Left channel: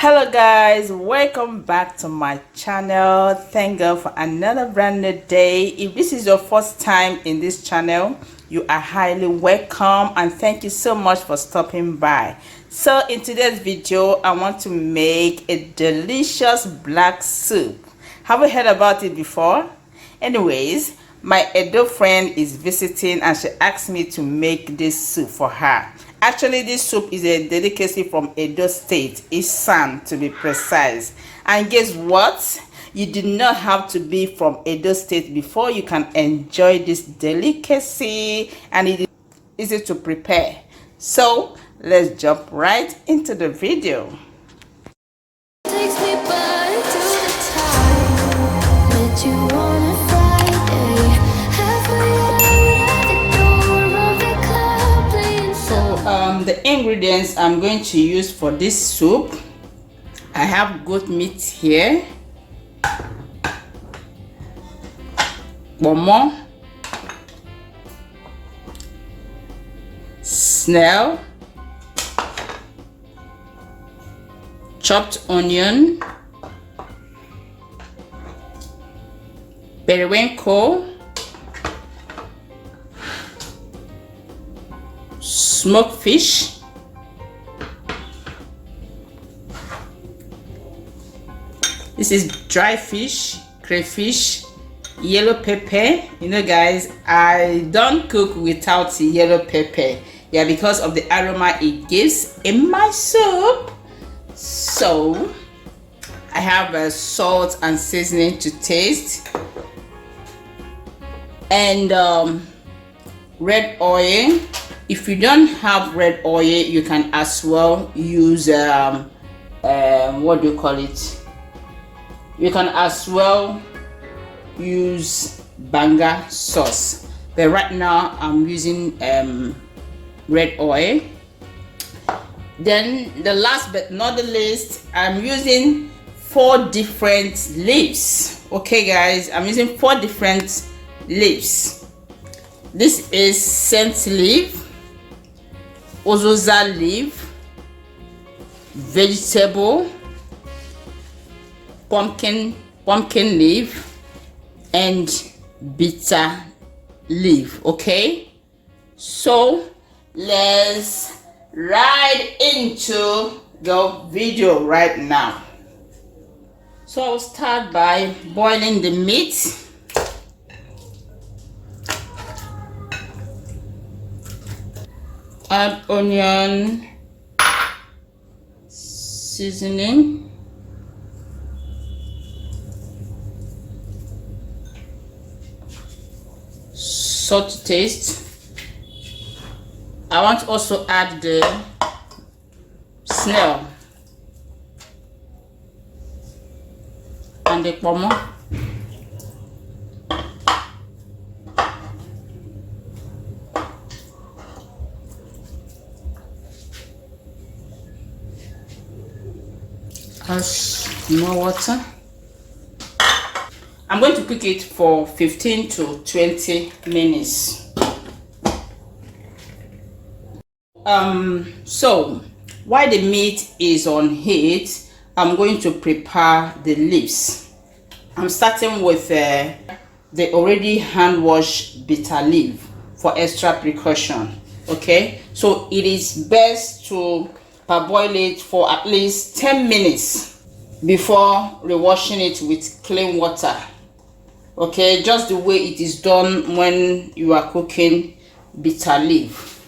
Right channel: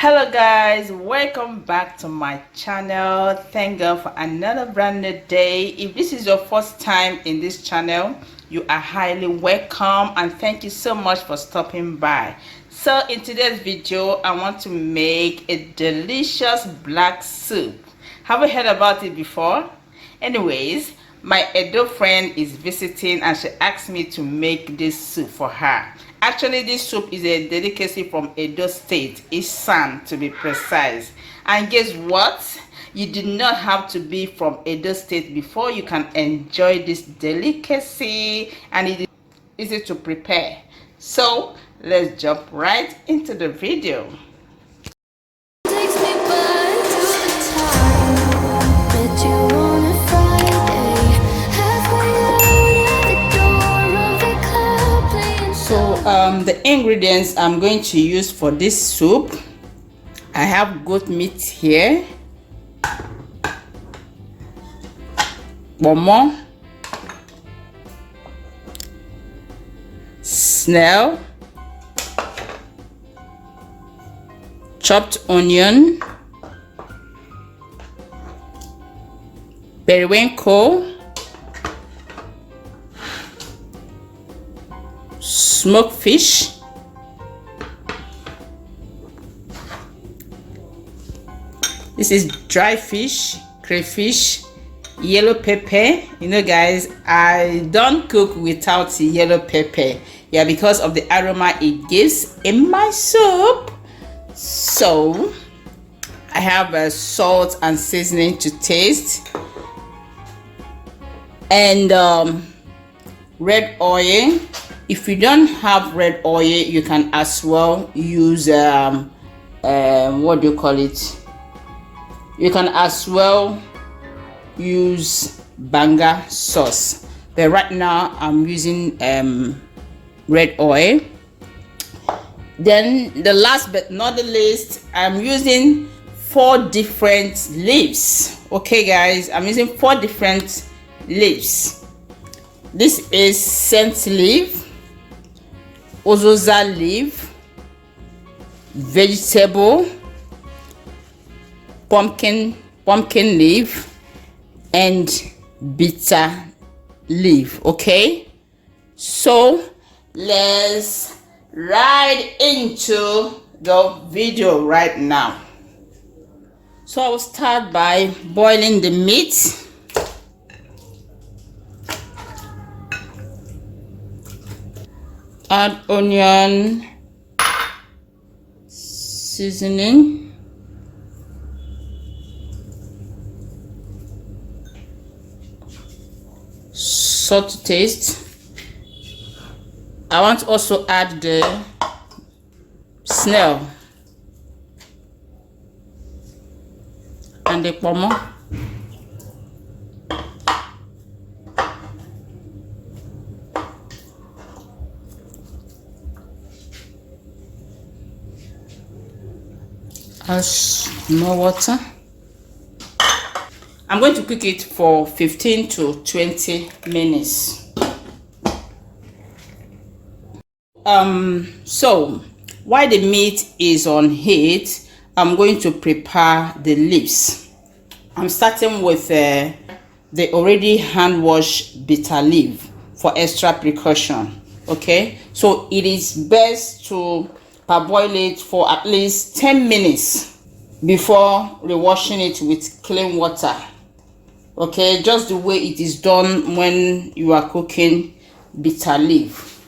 Hello guys, welcome back to my channel. Thank God for another brand new day. If this is your first time in this channel, you are highly welcome and thank you so much for stopping by. So in today's video, I want to make a delicious black soup. Have you heard about it before? Anyways, my Edo friend is visiting and she asked me to make this soup for her. Actually, this soup is a delicacy from Edo State, Isan to be precise. And guess what? You do not have to be from Edo State before you can enjoy this delicacy, and it is easy to prepare. So let's jump right into the video. Takes me back to the time met you on a Friday, halfway out at the door of the club playing The ingredients I'm going to use for this soup, I have goat meat here, bomo, snail, chopped onion, periwinkle, smoked fish, this is dry fish, crayfish, yellow pepper. You know guys, I don't cook without yellow pepper, yeah, because of the aroma it gives in my soup. So I have salt and seasoning to taste, and red oil. If you don't have red oil, you can as well use what do you call it? You can as well use banga sauce, but right now I'm using red oil. Then the last but not the least, I'm using 4 different leaves. Okay guys, I'm using 4 different leaves. This is scent leaf, ozoza leaf, vegetable, pumpkin leaf, and bitter leaf. Okay, so let's right into the video right now. So I will start by boiling the meat. Add onion, seasoning, salt to taste. I want to also add the snail and the pomo. Add more water. I'm going to cook it for 15 to 20 minutes. So while the meat is on heat, I'm going to prepare the leaves. I'm starting with the already hand washed bitter leaf for extra precaution. Okay, so it is best to parboil it for at least 10 minutes before rewashing it with clean water. Okay, just the way it is done when you are cooking bitter leaf.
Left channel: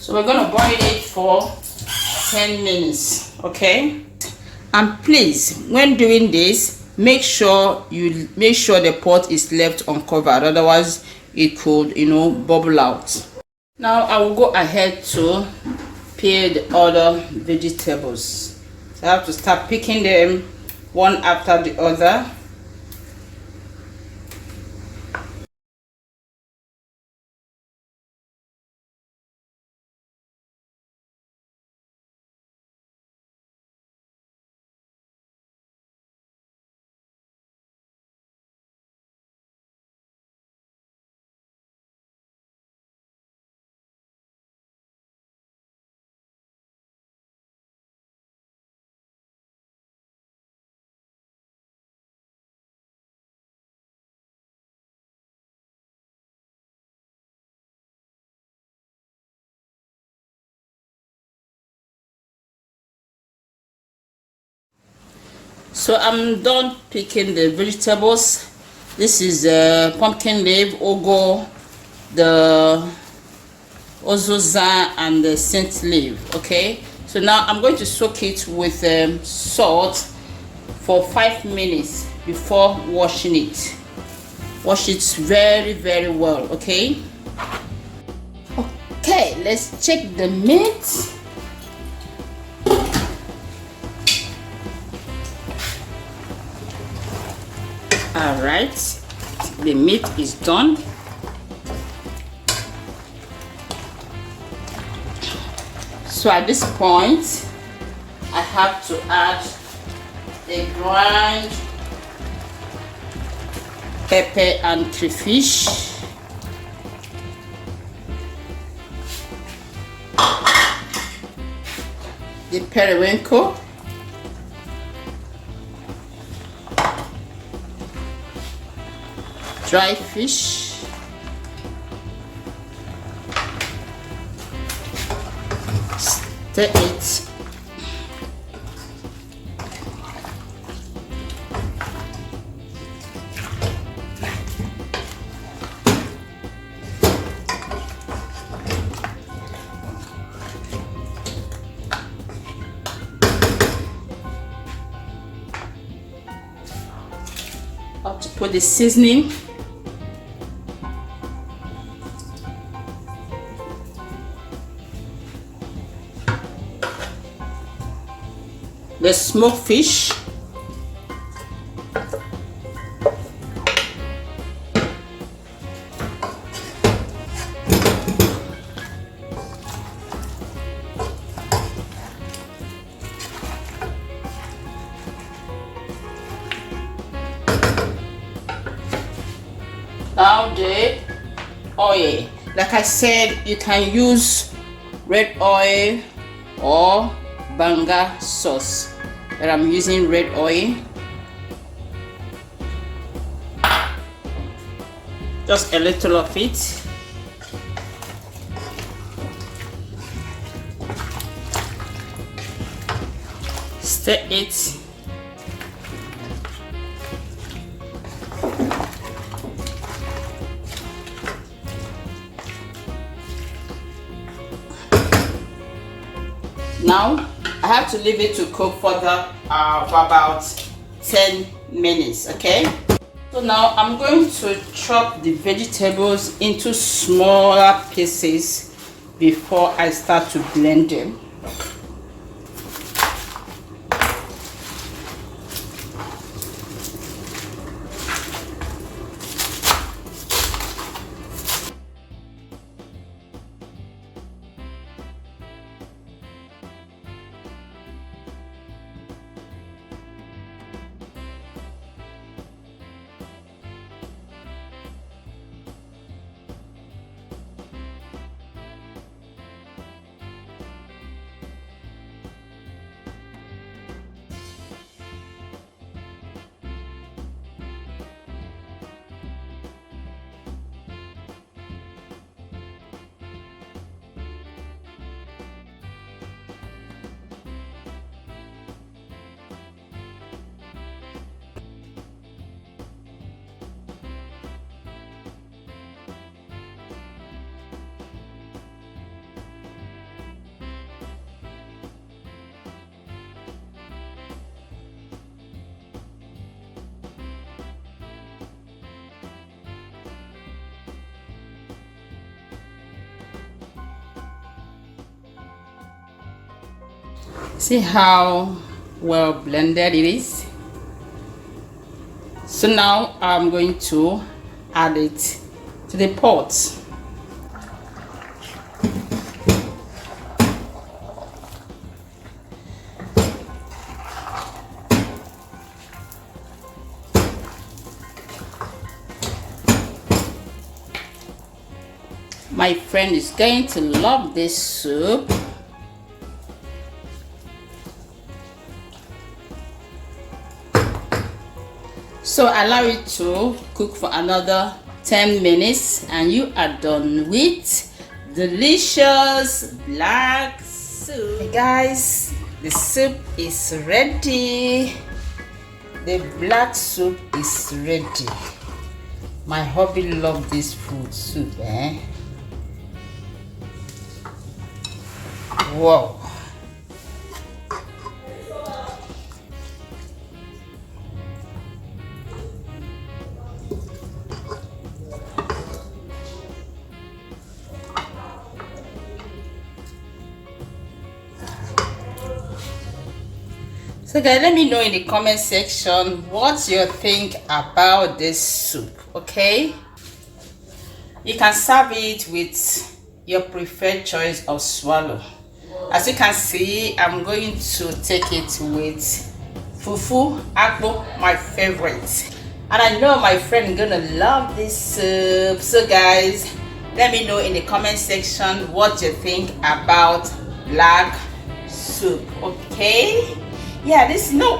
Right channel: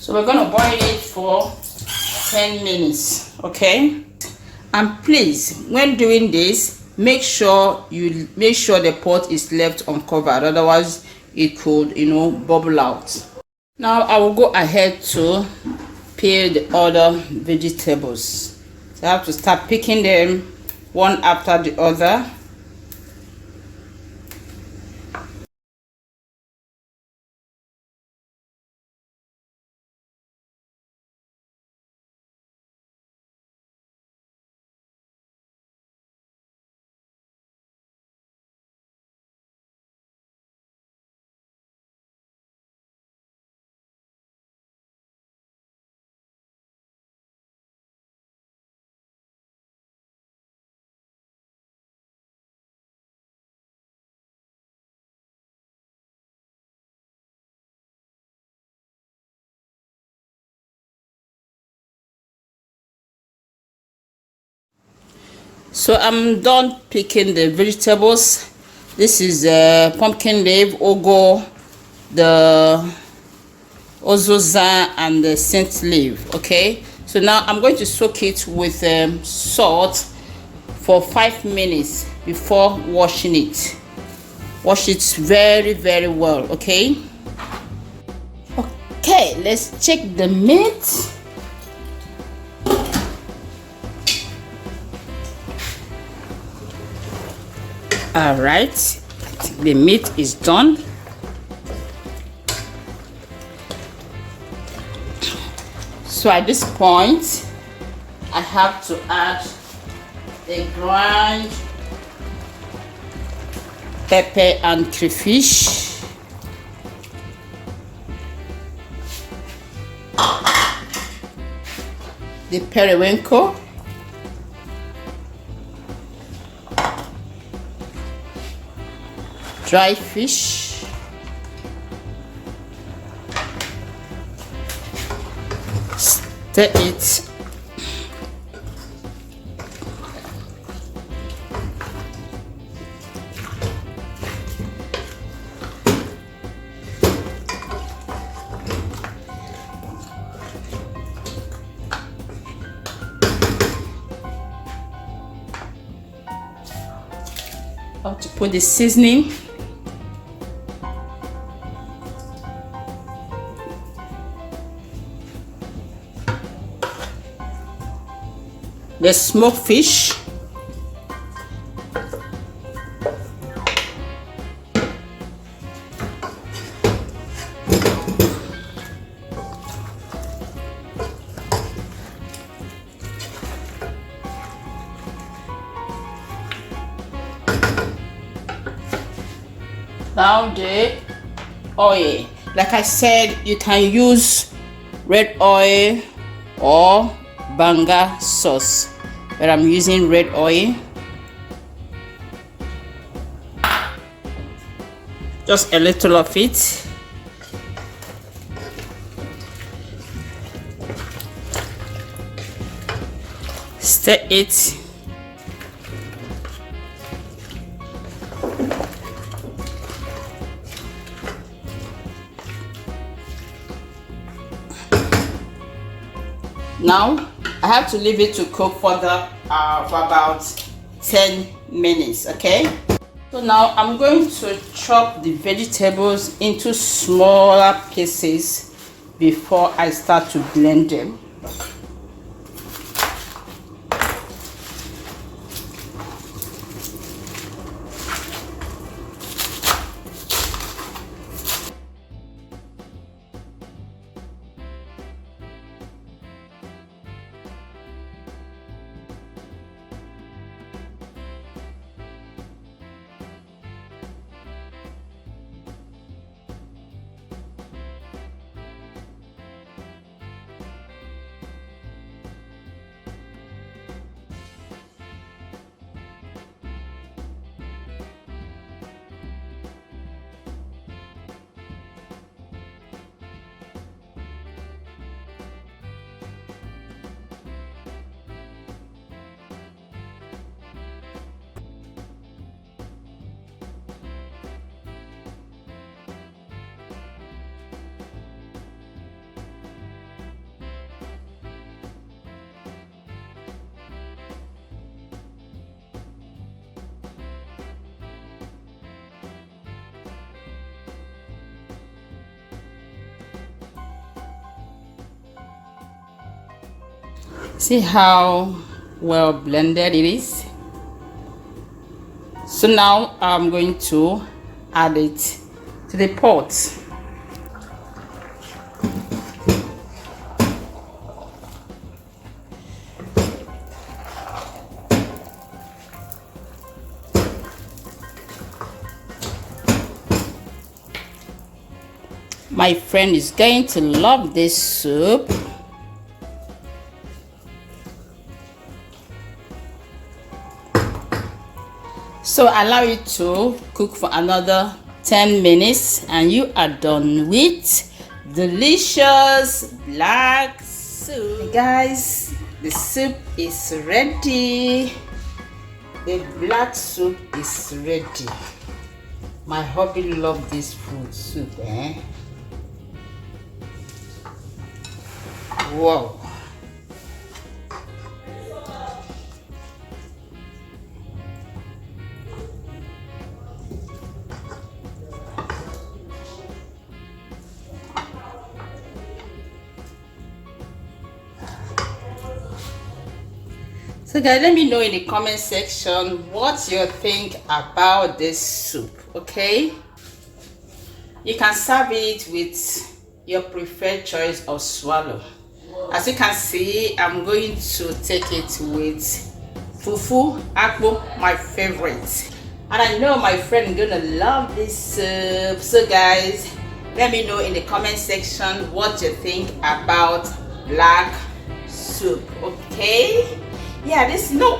So we're going to boil it for 10 minutes. Okay, and please, when doing this, make sure the pot is left uncovered, otherwise it could, bubble out. Now I will go ahead to peel the other vegetables. So I have to start picking them one after the other. So I'm done picking the vegetables. This is pumpkin leaf, ugu, the ozoza, and the scent leaf. Okay, so now I'm going to soak it with salt for 5 minutes before washing it. Wash it very, very well. Okay, let's check the meat. All right, the meat is done. So at this point, I have to add the ground pepper and crayfish. The periwinkle. Dry fish, stir it, have to put the seasoning. The smoked fish, now the oil. Like I said, you can use red oil or banga sauce, but I'm using red oil. Just a little of it. Stir it. Now I have to leave it to cook for about 10 minutes. Okay, so now I'm going to chop the vegetables into smaller pieces before I start to blend them. See how well blended it is. So now I'm going to add it to the pot. My friend is going to love this soup. So allow it to cook for another 10 minutes and you are done with delicious black soup. Guys, the soup is ready. The black soup is ready. My hubby loves this food soup, eh? Whoa. So guys, let me know in the comment section what you think about this soup, okay? You can serve it with your preferred choice of swallow. As you can see, I'm going to take it with fufu akpu, my favorite. And I know my friend gonna love this soup. So guys, let me know in the comment section what you think about black soup, okay? Yeah,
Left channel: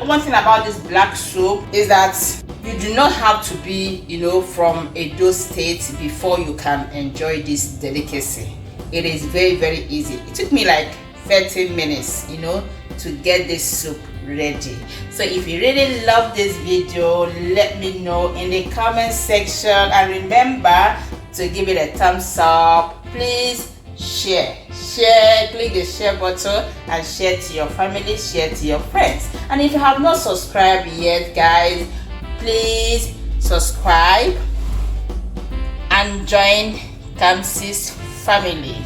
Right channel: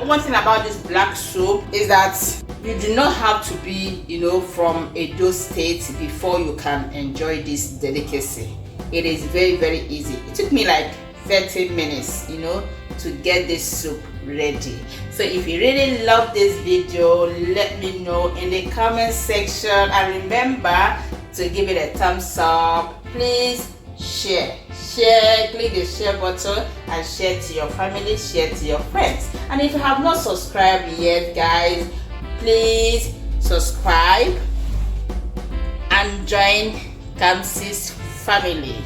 one thing about this black soup is that you do not have to be, from Edo State before you can enjoy this delicacy. It is very, very easy. It took me like 13 minutes, to get this soup ready. So if you really love this video, let me know in the comment section, and remember to give it a thumbs up. Please share, click the share button and share to your family, share to your friends. And if you have not subscribed yet, guys, please subscribe and join Kamsi's family.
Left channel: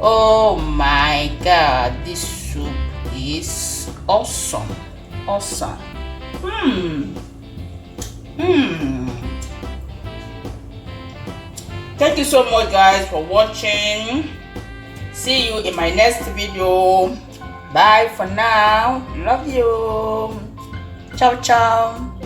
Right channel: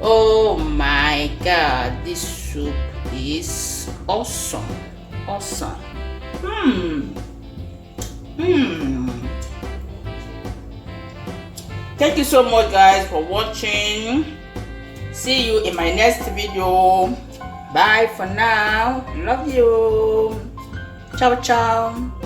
Oh my god, this soup is awesome. Thank you so much guys for watching. See you in my next video. Bye for now. Love you. Ciao ciao.